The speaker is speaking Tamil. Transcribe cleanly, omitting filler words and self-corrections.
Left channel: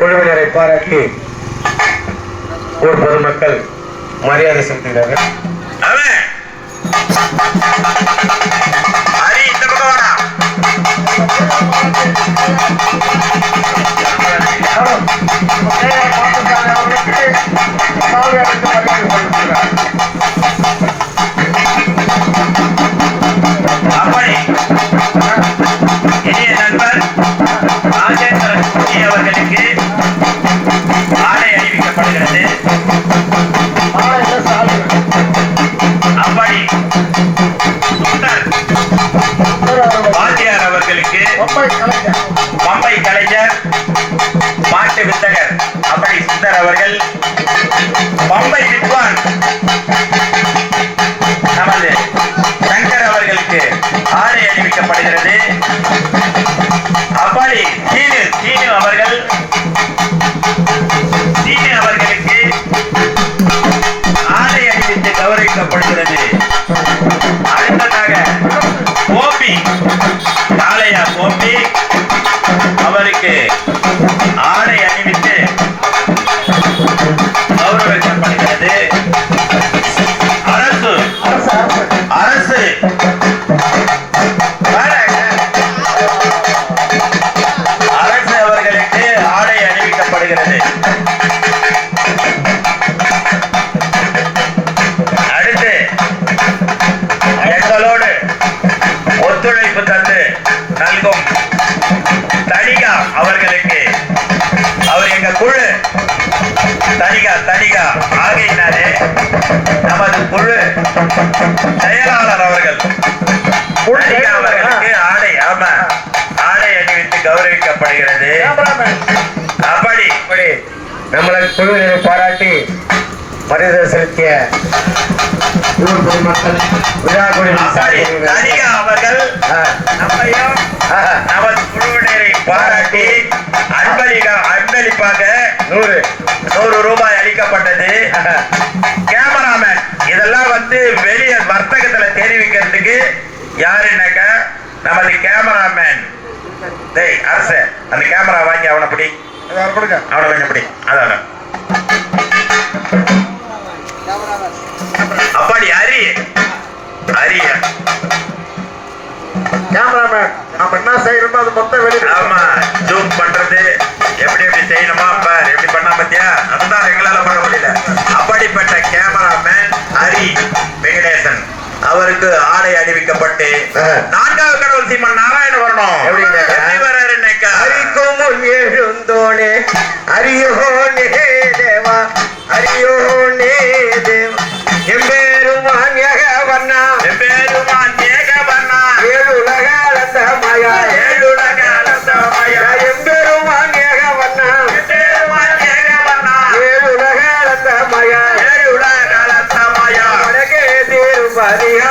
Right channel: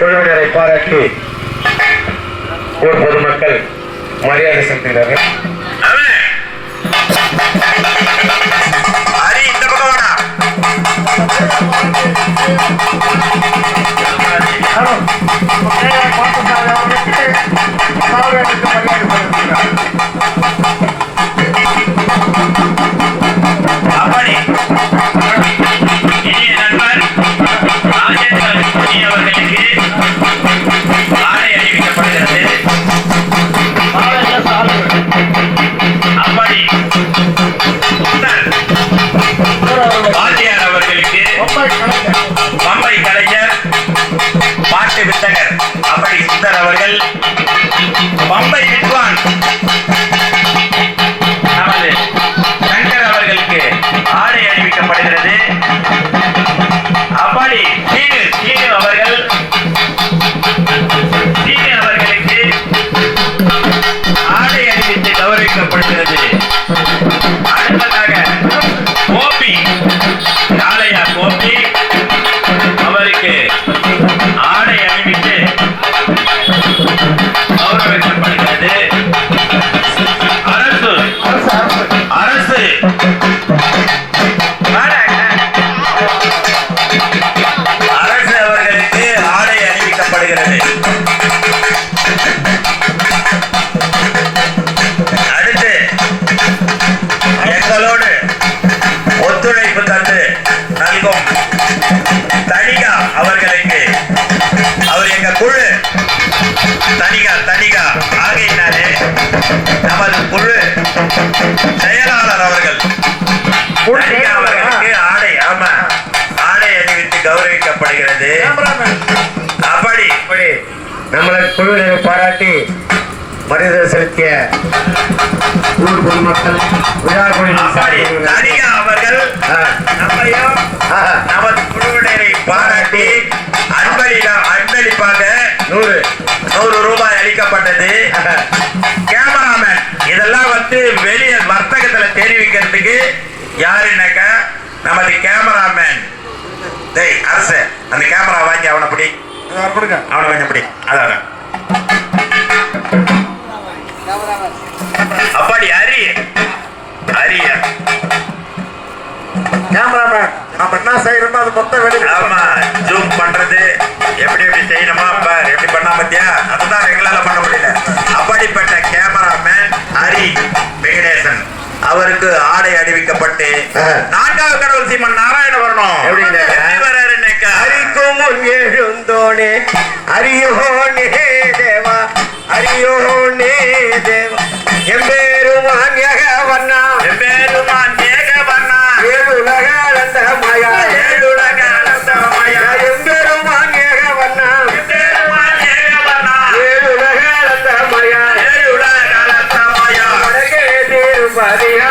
குழுவினரை பாராட்டி ஊர் பொதுமக்கள் மரியாதை செலுத்துகிறார்கள். பம்பை கலைஞர் மாட்டு வித்தகர் அப்படி சுந்தர் அவர்கள் பம்பை வித்வான் நமது சங்கர் அவர்களுக்கு ஆடை அணிவிக்கப்படுகிறது. அப்படி சீனு அவர்களுக்கு ஆடை அணிவித்து கௌரவிக்கப்படுகிறது. அடுத்ததாக கோபி காளையா கோபி அவருக்கு ஆடை அணிவித்து கௌரவிக்கப்படுகிறது. அரசு அவர்களுக்கு ஆடை அணிவிக்கப்படுகிறது. அடுத்து எங்களோடு ஒத்துழைப்பு தந்து நல்கும் தனிகா அவர்களுக்கு அவர் எங்க குழு தனிகா ஆகையினாலே நமது குழு செயலாளர் அவர்கள் அவர்களுக்கு ஆடை அணிவித்து கௌரவிக்கப்படுகிறது. அப்படி நம்மளது குழுவினரை பாராட்டி மரியாதை செலுத்திய ஊர் பொதுமக்கள் தனிகா அவர்கள் நம்மையும் நமது குழுவினரை பாராட்டி அன்பளிப்பாக 100 ரூபாய் அளிக்கப்பட்டது. கேமராமேன் இதெல்லாம் வெளியே வர்த்தகத்துல தெரிவிக்கிறதுக்கு யாருன்னாக்க நமது கேமராமேன் அரசு அந்த கேமரா வாங்கி அவனை பிடி அவனை கொஞ்சம் பிடி அதான் அப்படி அரிய கேமராமேன் நம்ம என்ன செய்யறோமோ அது மொத்தம் வெளியே ஆமா ஜூம் பண்றது எப்படி செய்யணுமா எப்படி பண்ணா பத்தியா அதுதான் எங்களால பண்ண முடியல. அப்படிப்பட்ட கேமராமேன் ஹரி வெங்கடேசன் அவருக்கு ஆடை அணிவிக்கப்பட்டு 4வது கடவுள் சீமன் நாராயண வரணும் ஹரிக்கும் எழுந்தோனே அரியோனே தேவா அரியோனே தேவா எம்பேருமான் ஏகவண்ணா ஏழுலக ரசமயா எம்பெருமான் ஏகவண்ணா ஏழுலக ரசமயா வடகே திரும்பதியா